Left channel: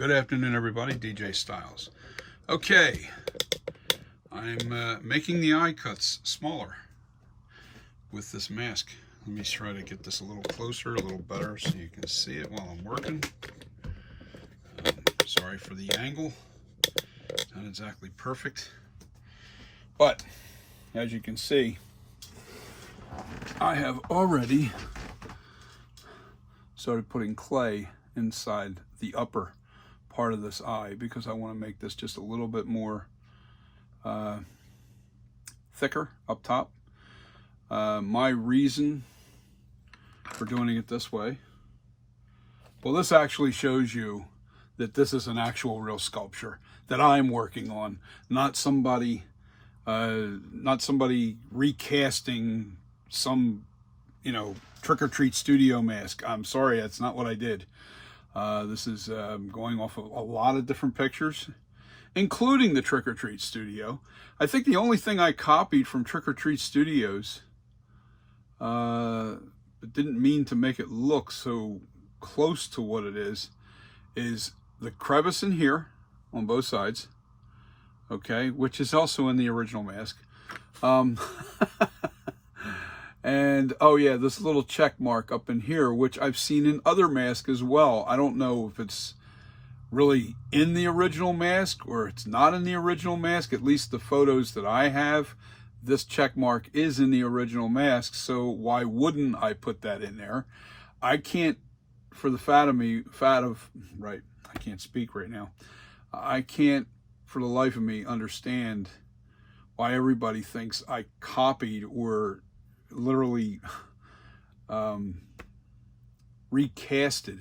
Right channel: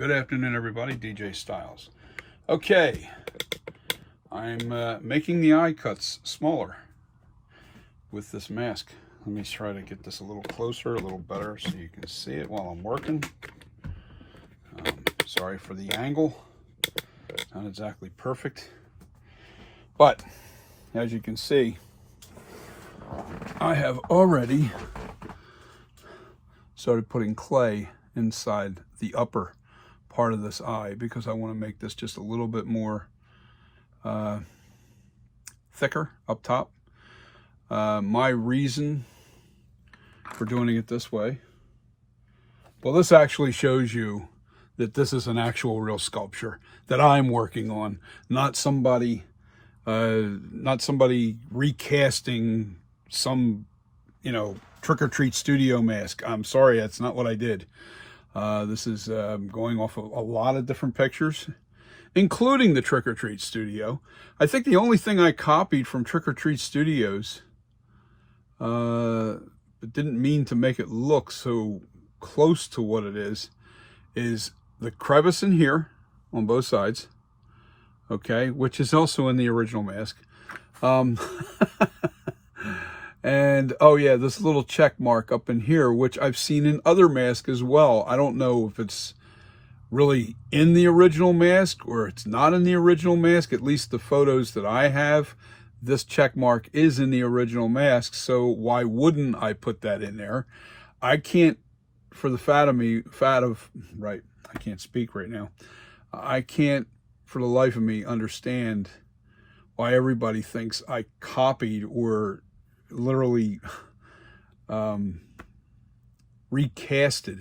Good afternoon, everybody. DJ Styles. Okay, I'm making the eye cuts smaller with this mask. Let me try to get this a little closer, a little better, so you can see it while I'm working. Sorry for the angle. Not exactly perfect. But, as you can see, I have already started putting clay inside the upper part of this eye because I want to make this just a little bit more thicker up top. My reason for doing it this way, well, this actually shows you that this is an actual real sculpture that I'm working on, not somebody recasting some, trick-or-treat studio mask. I'm sorry, that's not what I did. This is going off of a lot of different pictures, including the Trick-or-Treat Studio. I think the only thing I copied from Trick-or-Treat Studios, but didn't mean to make it look so close to what it is the crevice in here on both sides, okay, which is also in the original mask. And oh yeah, this little check mark up in here, which I've seen in other masks as well. I don't know if it's really in the original mask or it's not in the original mask. At least the photos that I have, this check mark is in the original mask, so why wouldn't I put that in there? I can't, for the right, I can't speak right now. I can't for the life of me understand why everybody thinks I copied or literally recasted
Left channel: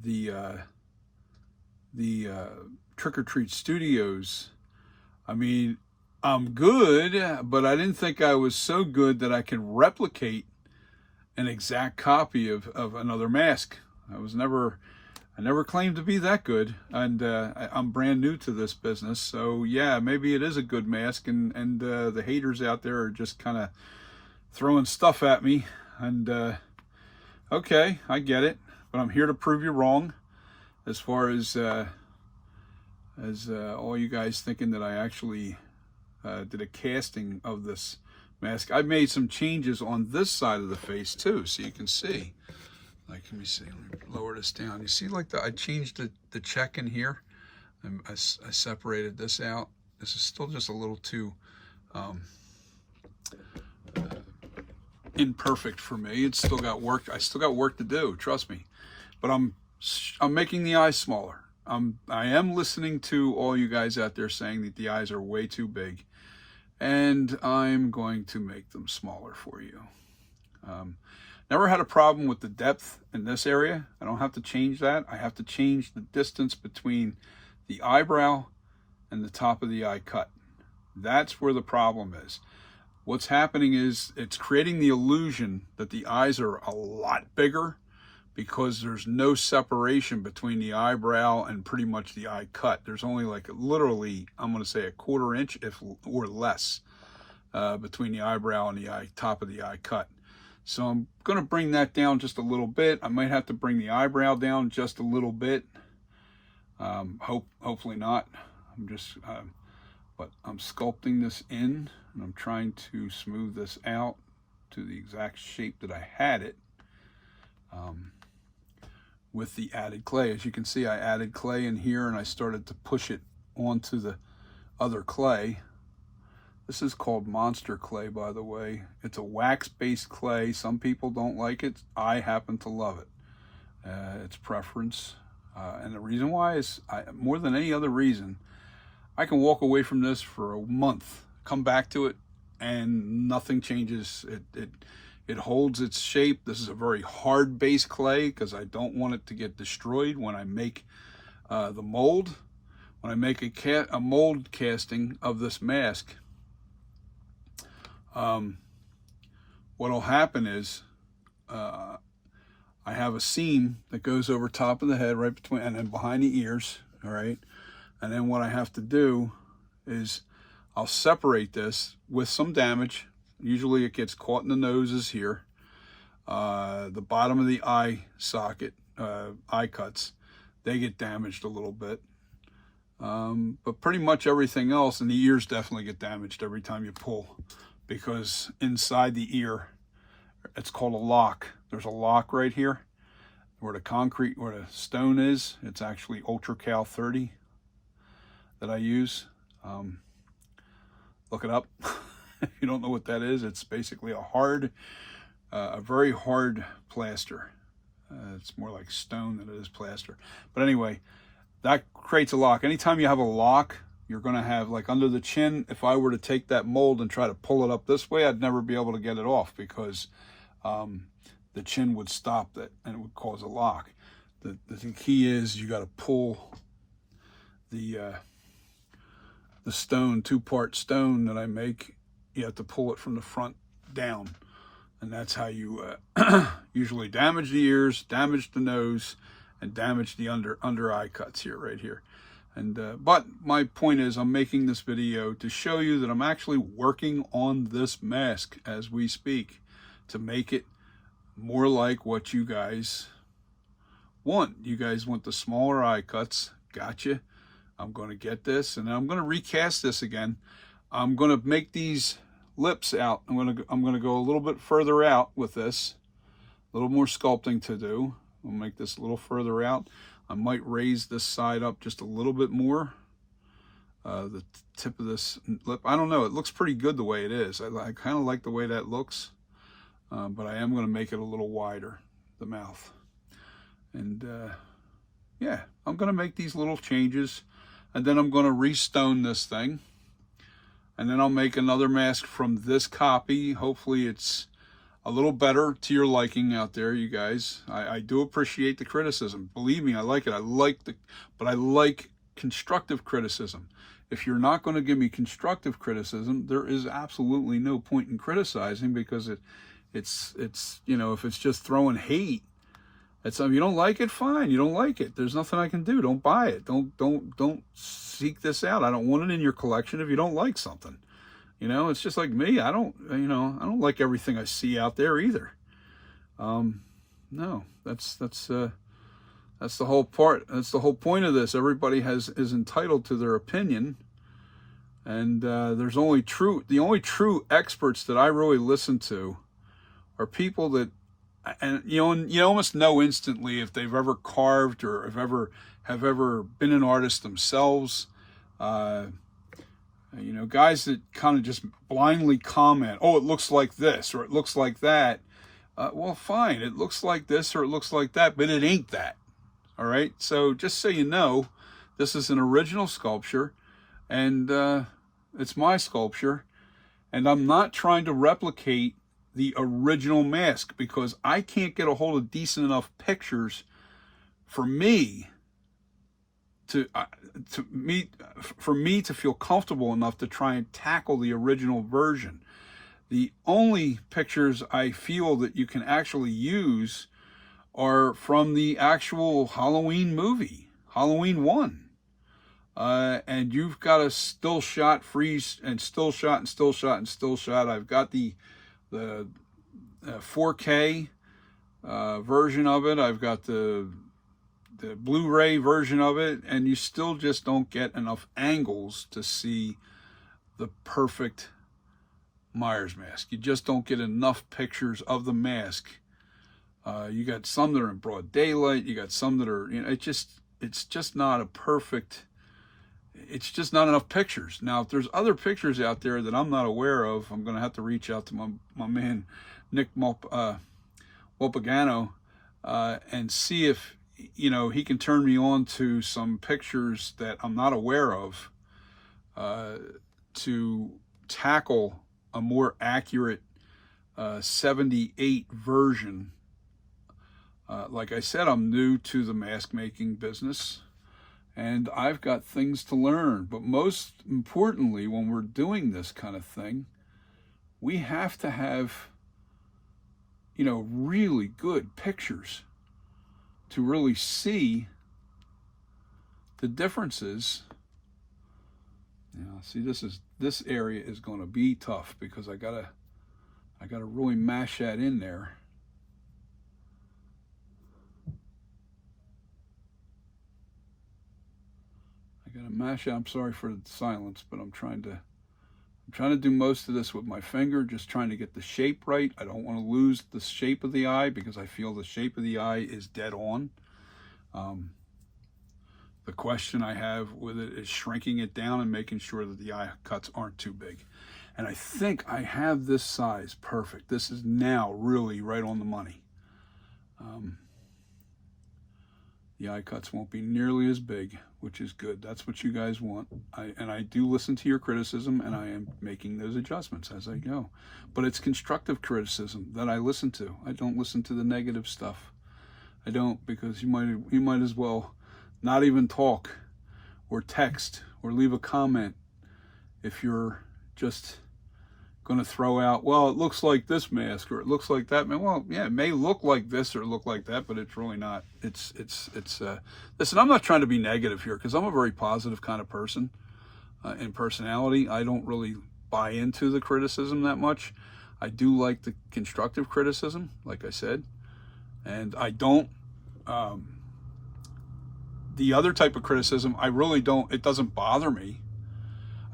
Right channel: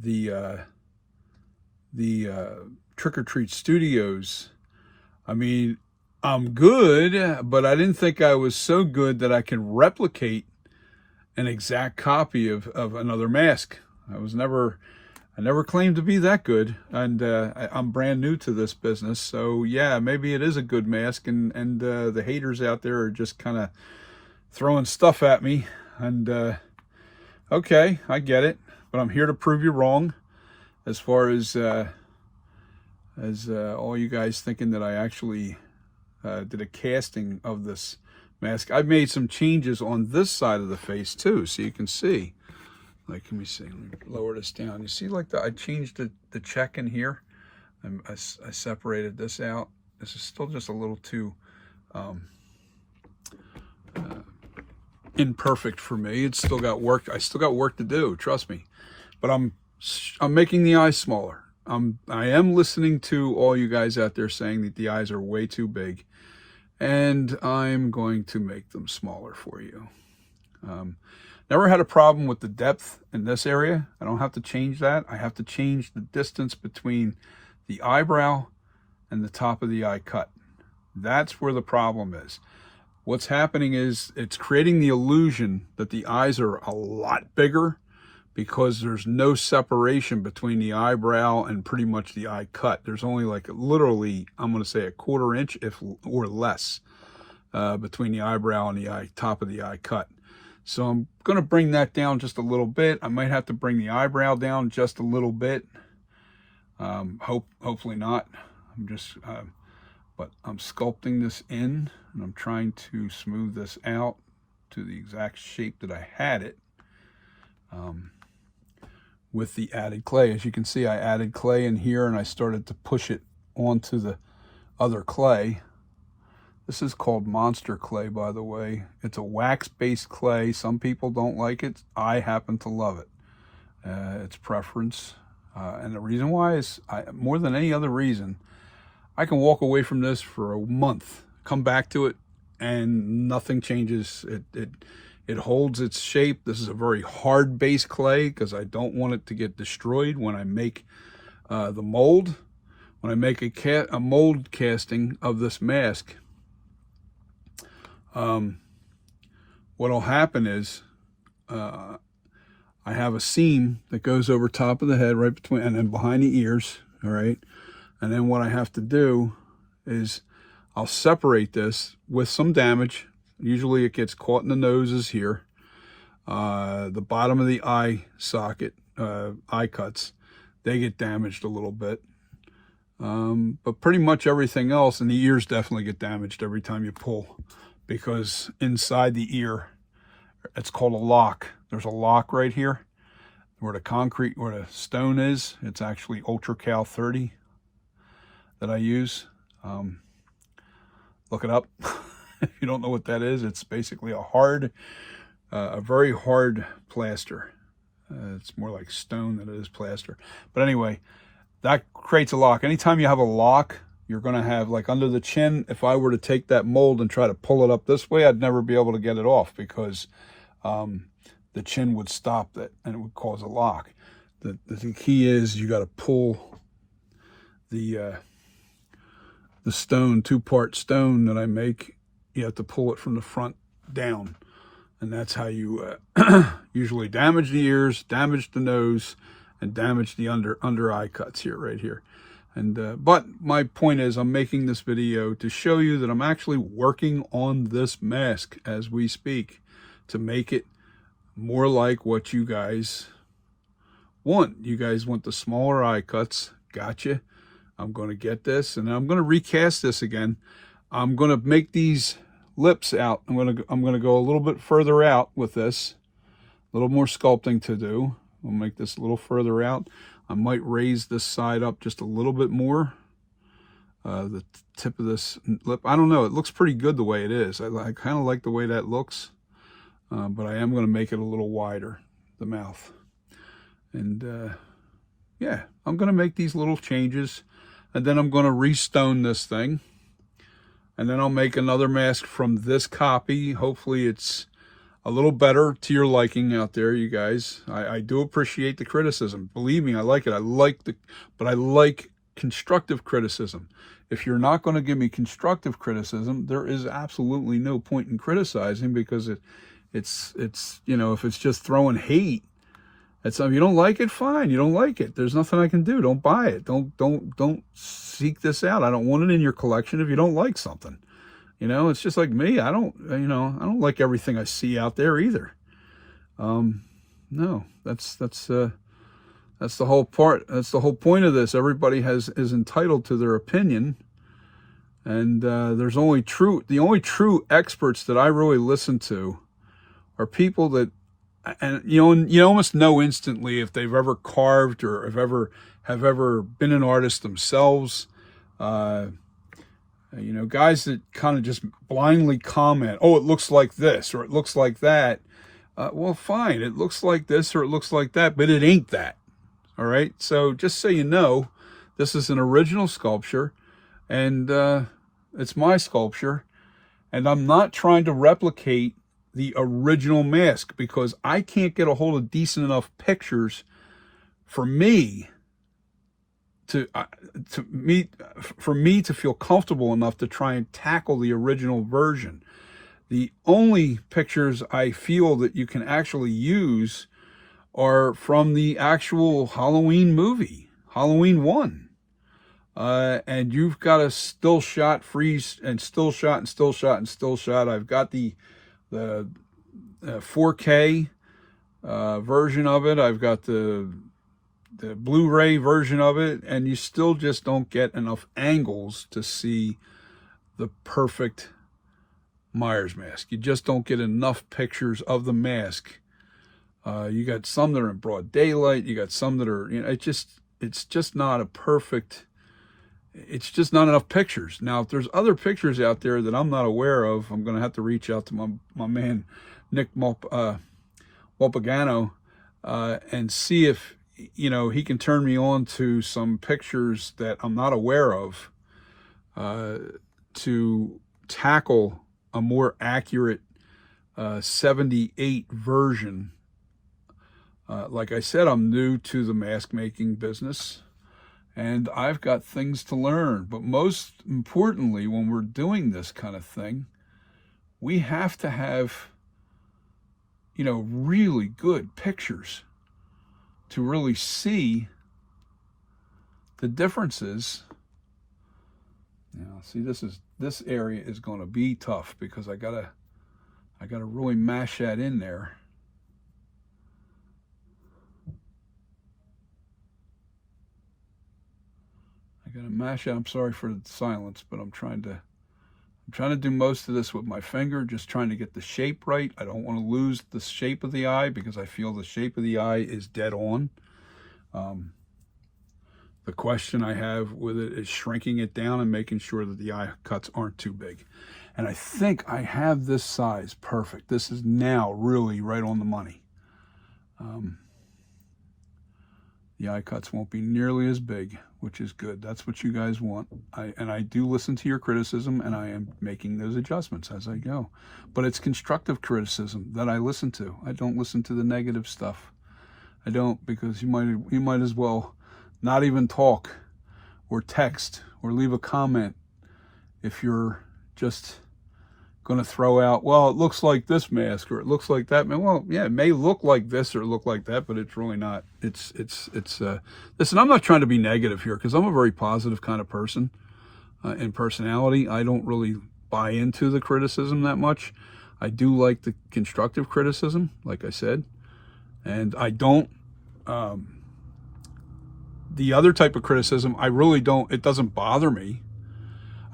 the Trick-or-Treat Studios. I mean, I'm good, but I didn't think I was so good that I could replicate an exact copy of another mask. I never claimed to be that good, and I'm brand new to this business, so yeah, maybe it is a good mask, and the haters out there are just kind of throwing stuff at me, and okay, I get it, but I'm here to prove you wrong as far as all you guys thinking that I actually did a casting of this mask. I've made some changes on this side of the face too, so you can see. Like, let me see, let me lower this down. You see, like, I changed the check in here. I separated this out. This is still just a little too imperfect for me. It's still got work. I still got work to do, trust me. But I'm making the eyes smaller. I am listening to all you guys out there saying that the eyes are way too big, and I'm going to make them smaller for you. Never had a problem with the depth in this area. I don't have to change that. I have to change the distance between the eyebrow and the top of the eye cut. That's where the problem is. What's happening is it's creating the illusion that the eyes are a lot bigger because there's no separation between the eyebrow and pretty much the eye cut. There's only like literally, I'm going to say, a 1/4 inch or less between the eyebrow and the top of the eye cut. So I'm going to bring that down just a little bit. I might have to bring the eyebrow down just a little bit. Hopefully not. But I'm sculpting this in, and I'm trying to smooth this out to the exact shape that I had it with the added clay. As you can see, I added clay in here, and I started to push it onto the other clay. This is called Monster Clay, by the way. It's a wax-based clay. Some people don't like it. I happen to love it. It's preference. And the reason why is, more than any other reason, I can walk away from this for a month, come back to it, and nothing changes. It holds its shape. This is a very hard base clay because I don't want it to get destroyed when I make the mold. When I make a mold casting of this mask, what'll happen is I have a seam that goes over top of the head, right between, and then behind the ears, all right? And then what I have to do is I'll separate this with some damage. Usually it gets caught in the noses here. The bottom of the eye socket, eye cuts, they get damaged a little bit. But pretty much everything else, and the ears definitely get damaged every time you pull, because inside the ear, it's called a lock. There's a lock right here where the stone is. It's actually Ultra Cal 30 that I use. Look it up. If you don't know what that is, it's basically a very hard plaster. It's more like stone than it is plaster. But anyway, that creates a lock. Anytime you have a lock, you're going to have, like under the chin, if I were to take that mold and try to pull it up this way, I'd never be able to get it off, because the chin would stop it and it would cause a lock. The key is you got to pull the stone, two-part stone that I make. You have to pull it from the front down, and that's how you usually damage the ears, damage the nose, and damage the under eye cuts here, right here. And but my point is, I'm making this video to show you that I'm actually working on this mask as we speak to make it more like what you guys want. You guys want the smaller eye cuts. Gotcha. I'm going to get this, and I'm going to recast this again. I'm going to make these lips out. I'm going to go a little bit further out with this. A little more sculpting to do. We'll make this a little further out. I might raise this side up just a little bit more. The tip of this lip, I don't know. It looks pretty good the way it is. I kind of like the way that looks. But I am going to make it a little wider, the mouth. And yeah, I'm going to make these little changes. And then I'm going to restone this thing. And then I'll make another mask from this copy. Hopefully it's a little better to your liking out there, you guys. I do appreciate the criticism. Believe me, I like it. But I like constructive criticism. If you're not going to give me constructive criticism, there is absolutely no point in criticizing, because it's you know, if it's just throwing hate, if you don't like it, fine. You don't like it. There's nothing I can do. Don't buy it. Don't seek this out. I don't want it in your collection if you don't like something. You know, it's just like me. I don't like everything I see out there either. No, that's the whole part. That's the whole point of this. Everybody is entitled to their opinion, and there's the only true experts that I really listen to are people that, and you almost know instantly if they've ever carved or have ever been an artist themselves. You know, guys that kind of just blindly comment, oh, it looks like this or it looks like that. Well, fine, it looks like this or it looks like that, but it ain't that. All right, so just so you know, this is an original sculpture, and it's my sculpture, and I'm not trying to replicate the original mask, because I can't get a hold of decent enough pictures for me to feel comfortable enough to try and tackle the original version. The only pictures I feel that you can actually use are from the actual Halloween movie, Halloween 1. And you've got a still shot, freeze, and still shot, and still shot, and still shot. I've got the 4K version of it. I've got the Blu-ray version of it, and you still just don't get enough angles to see the perfect Myers mask. You just don't get enough pictures of the mask. You got some that are in broad daylight. You got some that are, you know, it's just not a perfect. It's just not enough pictures. Now, if there's other pictures out there that I'm not aware of, I'm going to have to reach out to my man, Nick Mulpagano, and see if, you know, he can turn me on to some pictures that I'm not aware of, to tackle a more accurate 78 version. Like I said, I'm new to the mask making business, and I've got things to learn. But most importantly, when we're doing this kind of thing, we have to have, you know, really good pictures to really see the differences. Now, see, this area is going to be tough, because I gotta really mash that in there. gotta mash it. I'm sorry for the silence, but I'm trying to do most of this with my finger, just trying to get the shape right. I don't want to lose the shape of the eye because I feel the shape of the eye is dead on. The question I have with it is shrinking it down and making sure that the eye cuts aren't too big. And I think I have this size perfect. This is now really right on the money. The eye cuts won't be nearly as big, which is good. That's what you guys want. And I do listen to your criticism, and I am making those adjustments as I go. But it's constructive criticism that I listen to. I don't listen to the negative stuff. I don't, because you might as well not even talk or text or leave a comment if you're just going to throw out, well, it looks like this mask or it looks like that. Well, yeah, it may look like this or look like that, but it's really not. Listen, I'm not trying to be negative here because I'm a very positive kind of person in personality. I don't really buy into the criticism that much. I do like the constructive criticism, like I said, and I don't, the other type of criticism, I really don't, it doesn't bother me.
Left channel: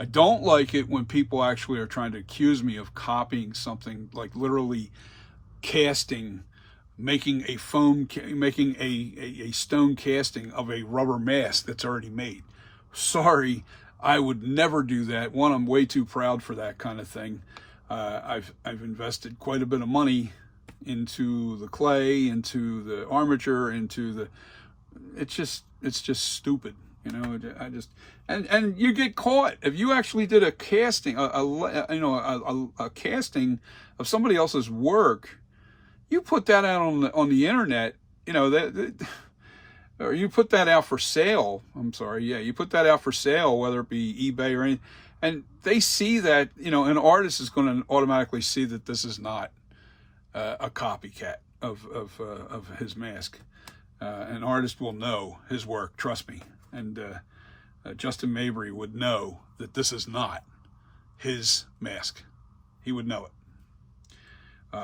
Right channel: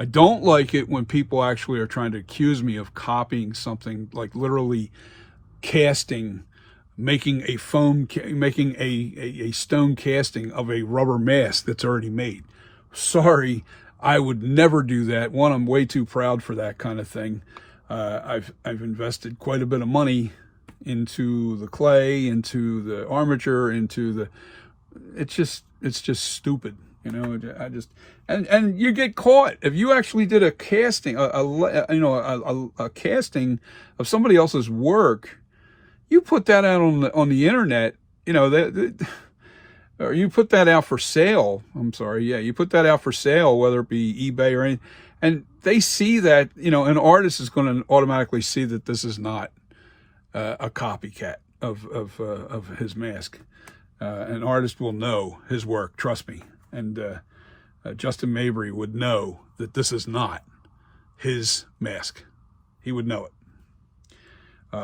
I don't like it when people actually are trying to accuse me of copying something, like literally casting, making a stone casting of a rubber mask that's already made. Sorry, I would never do that. One, I'm way too proud for that kind of thing. I've invested quite a bit of money into the clay, into the armature, into the, it's just stupid, you know. I just, and you get caught if you actually did a casting, a casting of somebody else's work. You put that out on the internet, you know, or you put that out for sale. I'm sorry, yeah, you put that out for sale, whether it be eBay or anything, and they see that, you know, an artist is going to automatically see that this is not a copycat of his mask. An artist will know his work, trust me. And Justin Mabry would know that this is not his mask. He would know it.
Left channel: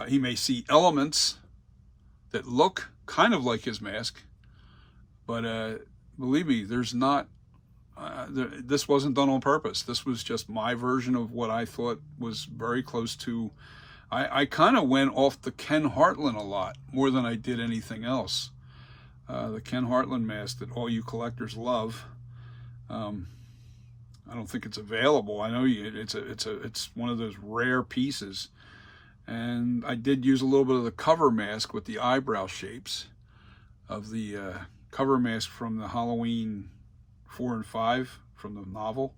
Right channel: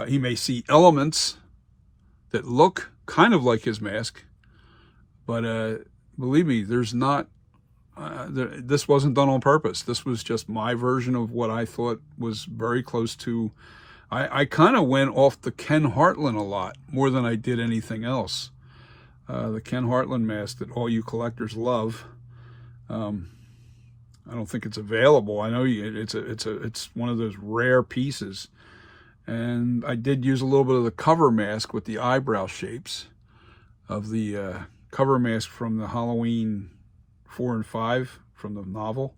He may see elements that look kind of like his mask, but believe me, there's not, this wasn't done on purpose. This was just my version of what I thought was very close to, I kind of went off the Ken Hartland a lot, more than I did anything else. The Ken Hartland mask that all you collectors love. I don't think it's available. I know it's one of those rare pieces. And I did use a little bit of the cover mask with the eyebrow shapes of the cover mask from the Halloween 4 and 5 from the novel.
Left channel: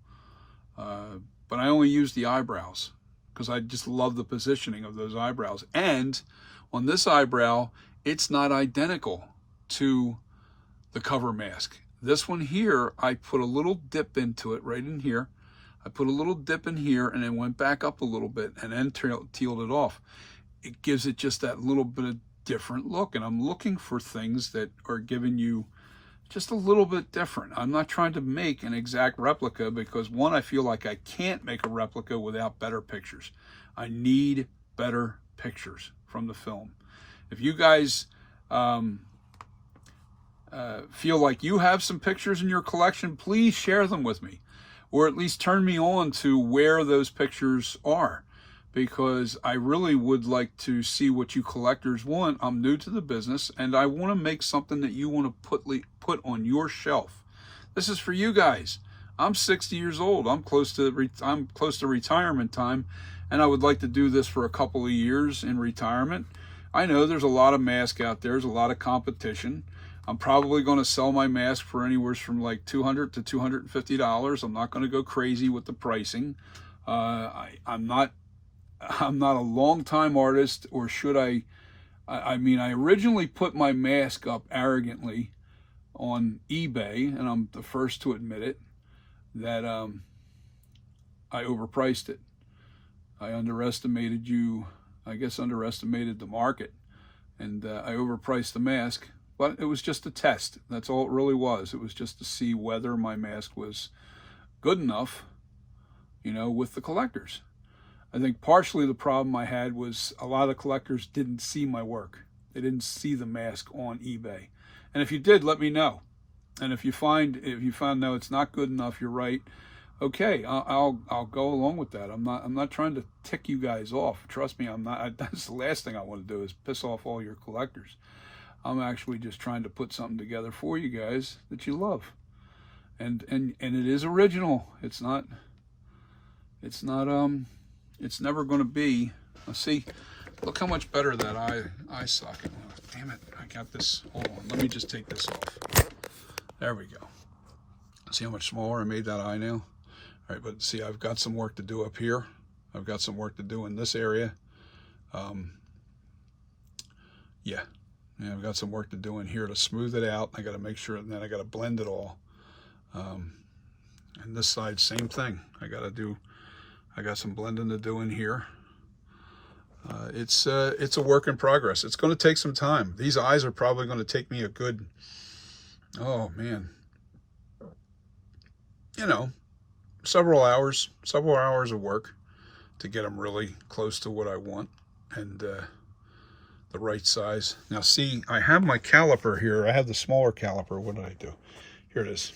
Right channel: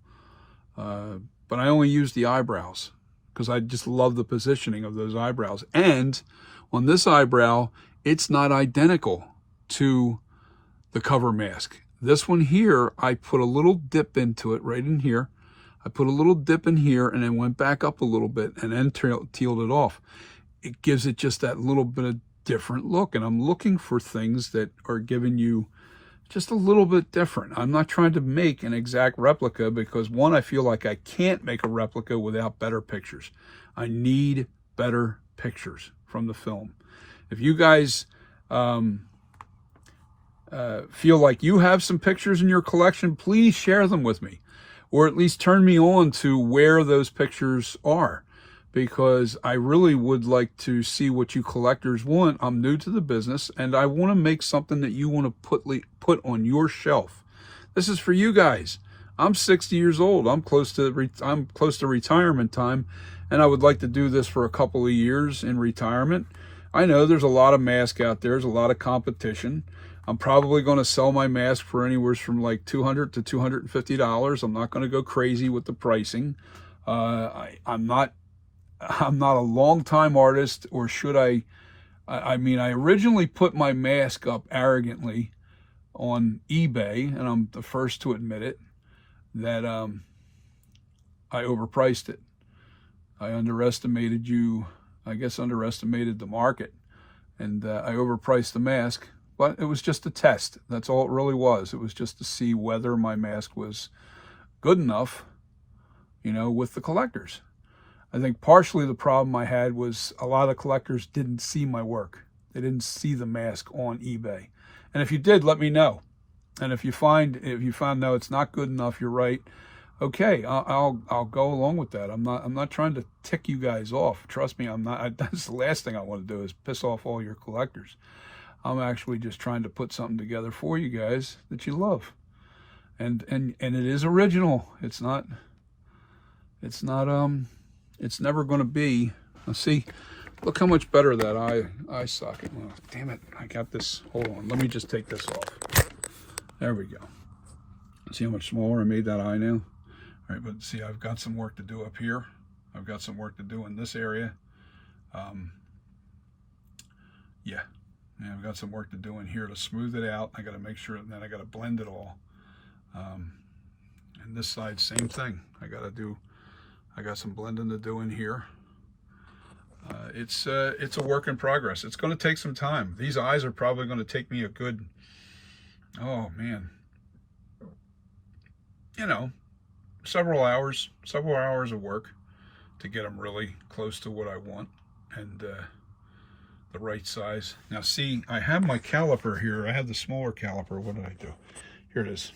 But I only used the eyebrows because I just love the positioning of those eyebrows. And on this eyebrow, it's not identical to the cover mask. This one here, I put a little dip into it right in here. I put a little dip in here and then went back up a little bit and then tealed it off. It gives it just that little bit of different look, and I'm looking for things that are giving you just a little bit different. I'm not trying to make an exact replica because, one, I feel like I can't make a replica without better pictures. I need better pictures from the film. If you guys feel like you have some pictures in your collection, please share them with me, or at least turn me on to where those pictures are, because I really would like to see what you collectors want. I'm new to the business, and I want to make something that you want to put on your shelf. This is for you guys. I'm 60 years old. I'm close to retirement time, and I would like to do this for a couple of years in retirement. I know there's a lot of masks out there. There's a lot of competition. I'm probably going to sell my mask for anywhere from like $200 to $250. I'm not going to go crazy with the pricing. I'm not a long-time artist, or should I? I mean, I originally put my mask up arrogantly on eBay, and I'm the first to admit it, that I overpriced it. I underestimated the market, and I overpriced the mask. But it was just a test. That's all it really was. It was just to see whether my mask was good enough, you know, with the collectors. I think partially the problem I had was a lot of collectors didn't see my work. They didn't see the mask on eBay. And if you did, let me know. And if you find no, it's not good enough, you're right. Okay, I'll go along with that. I'm not trying to tick you guys off. Trust me, I'm not. That's the last thing I want to do is piss off all your collectors. I'm actually just trying to put something together for you guys that you love, and it is original. It's not. It's never going to be. Let's see. Look how much better that eye socket. Oh, damn it! I got this. Hold on. Let me just take this off. There we go. See how much smaller I made that eye now? All right, but see, I've got some work to do up here. I've got some work to do in this area. Yeah, I've got some work to do in here to smooth it out. I got to make sure, and then I got to blend it all. And this side, same thing. I got some blending to do in here. It's a work in progress. It's going to take some time. These eyes are probably going to take me a good, oh man, you know, several hours of work to get them really close to what I want and the right size. Now see, I have my caliper here. I have the smaller caliper. What did I do? Here it is.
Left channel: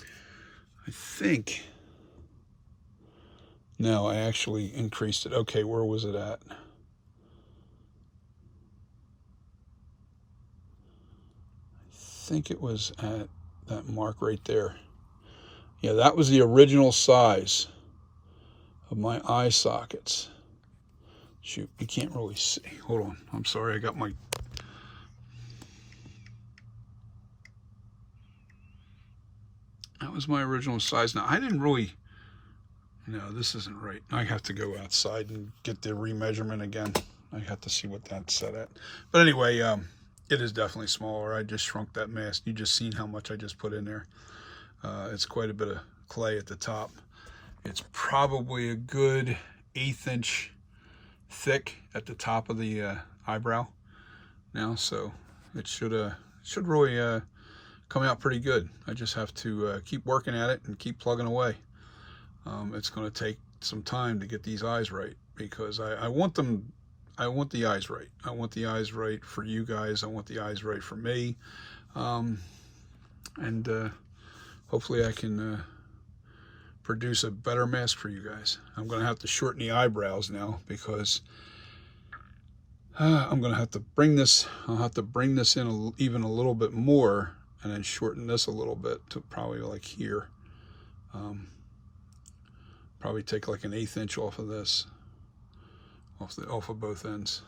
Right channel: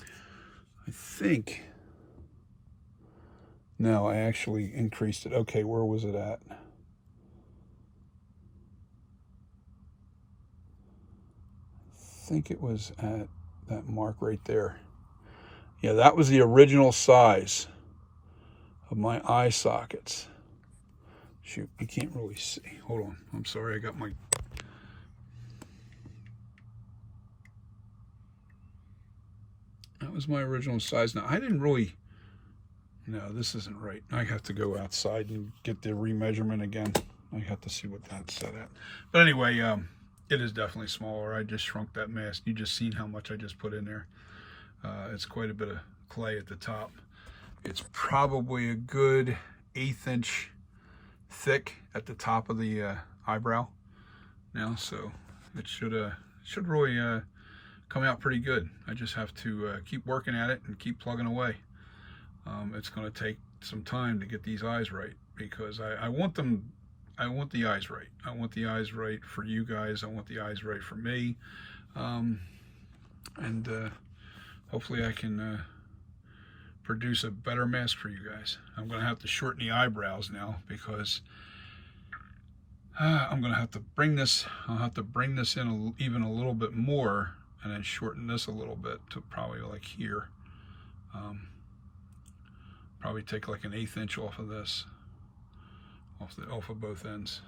I think, no, I actually increased it. Okay, where was it at? I think it was at that mark right there. Yeah, that was the original size of my eye sockets. Shoot, you can't really see. Hold on. I'm sorry, I got my... That was my original size. Now, I didn't really... No, this isn't right. I have to go outside and get the remeasurement again. I have to see what that's set at. But anyway, it is definitely smaller. I just shrunk that mask. You just seen how much I just put in there. It's quite a bit of clay at the top. It's probably a good 1/8 inch thick at the top of the eyebrow now, so it should really come out pretty good. I just have to keep working at it and keep plugging away. It's going to take some time to get these eyes right because I want the eyes right. I want the eyes right for you guys. I want the eyes right for me, and hopefully I can produce a better mask for you guys. I'm going to have to shorten the eyebrows now because I'm going to have to bring this, I'll have to bring this in even a little bit more and then shorten this a little bit to probably like here. Probably take like an 1/8 inch off of this, off of both ends.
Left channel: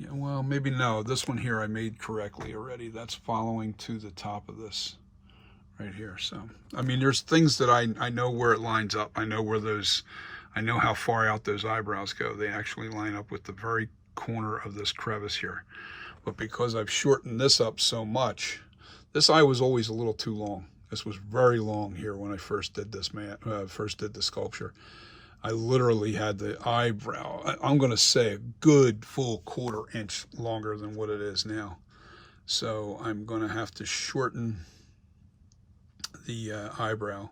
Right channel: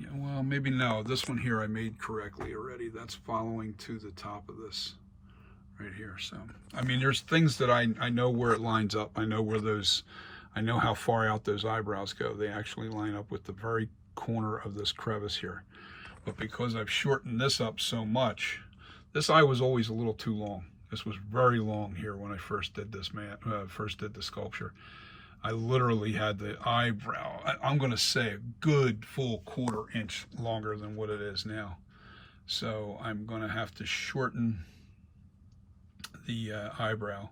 Yeah, well, maybe no. This one here I made correctly already. That's following to the top of this right here. So, I mean, there's things that I know where it lines up. I know where those, I know how far out those eyebrows go. They actually line up with the very corner of this crevice here. But because I've shortened this up so much, this eye was always a little too long. This was very long here when I first did this the sculpture. I literally had the eyebrow, I'm going to say a good full 1/4 inch longer than what it is now. So I'm going to have to shorten the eyebrow.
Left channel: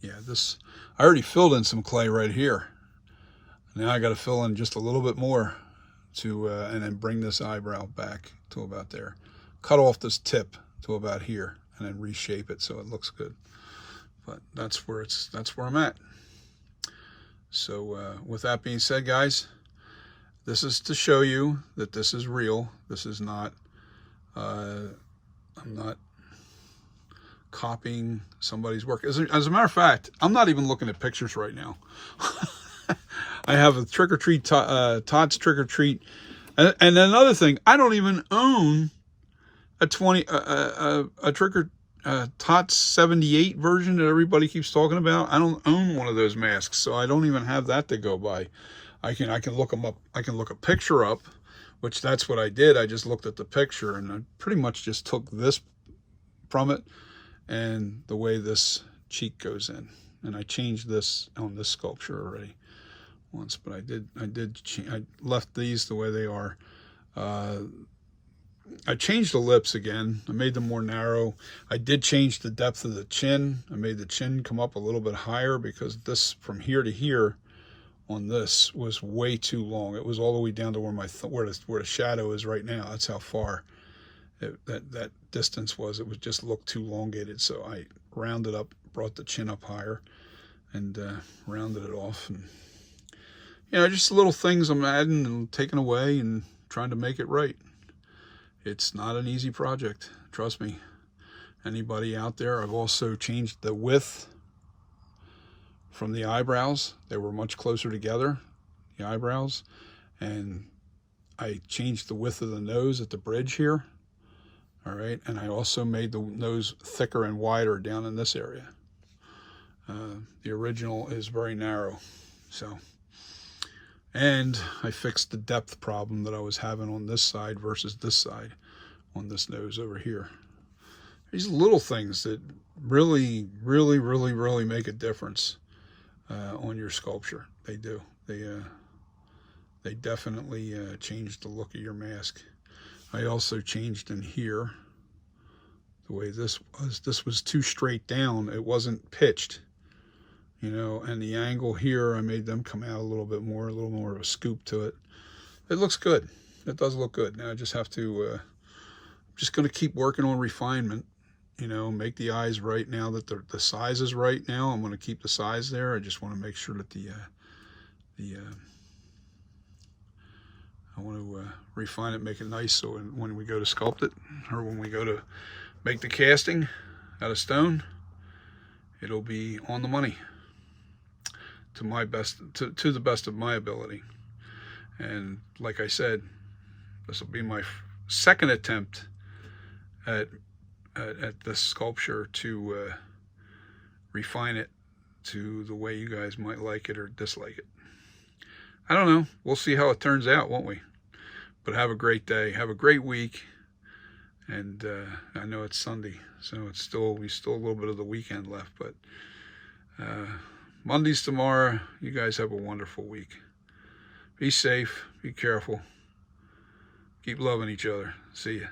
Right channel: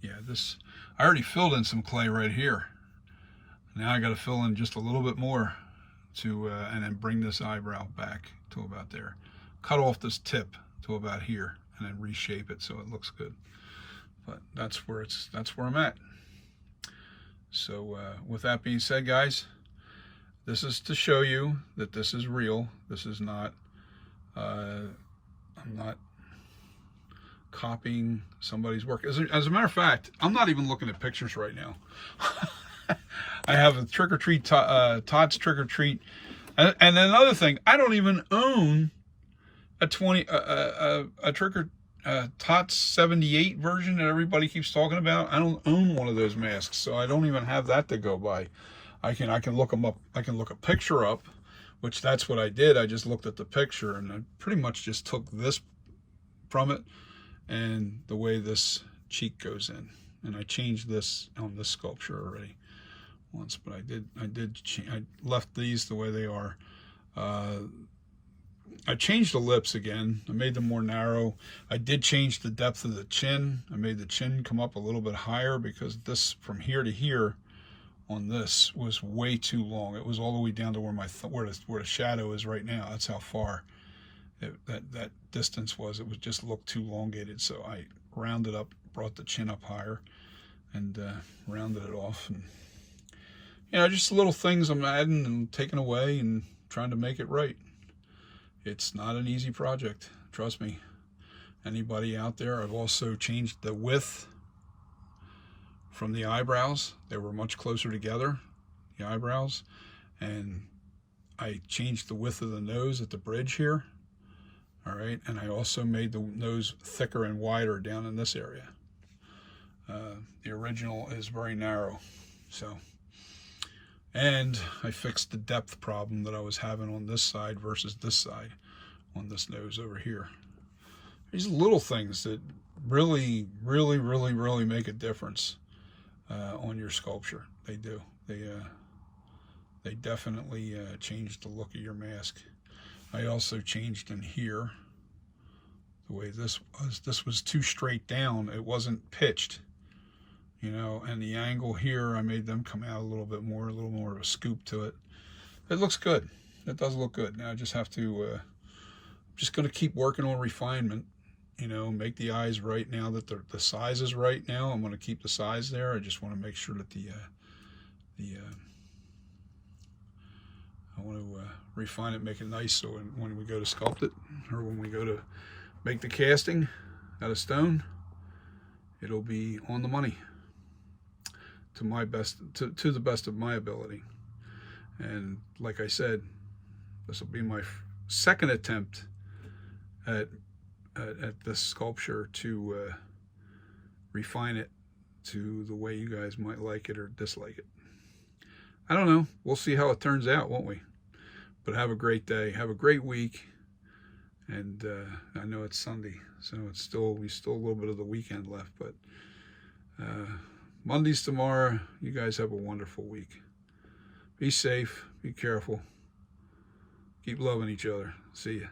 Yeah, this, I already filled in some clay right here. Now I got to fill in just a little bit more to, and then bring this eyebrow back to about there. Cut off this tip to about here and then reshape it so it looks good. But that's where I'm at. So with that being said, guys, this is to show you that this is real. This is not, I'm not copying somebody's work. As a matter of fact, I'm not even looking at pictures right now. I have a trick or treat, Todd's trick or treat. And another thing, I don't even own a trick or Tots 78 version that everybody keeps talking about. I don't own one of those masks, so I don't even have that to go by. I can look them up. I can look a picture up, which that's what I did. I just looked at the picture and I pretty much just took this from it and the way this cheek goes in. And I changed this on this sculpture already once, but I left these the way they are. I changed the lips again. I made them more narrow. I did change the depth of the chin. I made the chin come up a little bit higher because this, from here to here on this, was way too long. It was all the way down to where where the shadow is right now. That's how far. that distance was. It was just looked too elongated, so I rounded up, brought the chin up higher, and rounded it off. And just little things I'm adding and taking away and trying to make it right. It's not an easy project, trust me. Anybody out there? I've also changed the width from the eyebrows. They were much closer together, the eyebrows, and I changed the width of the nose at the bridge here. All right, and I also made the nose thicker and wider down in this area. The original is very narrow, so. And I fixed the depth problem that I was having on this side versus this side on this nose over here. These little things that really, really, really, really make a difference on your sculpture. They do. They definitely change the look of your mask. I also changed in here the way this was. This was too straight down. It wasn't pitched, and the angle here, I made them come out a little more of a scoop to it. It looks good. It does look good. Now I just have to, just going to keep working on refinement, make the eyes right now that the size is right now. I'm going to keep the size there. I just want to make sure that I want to refine it, make it nice, so when we go to sculpt it, or when we go to make the casting out of stone, it'll be on the money to the best of my ability. And like I said, this will be my second attempt at this sculpture to refine it to the way you guys might like it or dislike it. I don't know. We'll see how it turns out, won't we? But have a great day. Have a great week. And I know it's Sunday, so we still a little bit of the weekend left. But Monday's tomorrow. You guys have a wonderful week. Be safe. Be careful. Keep loving each other. See ya.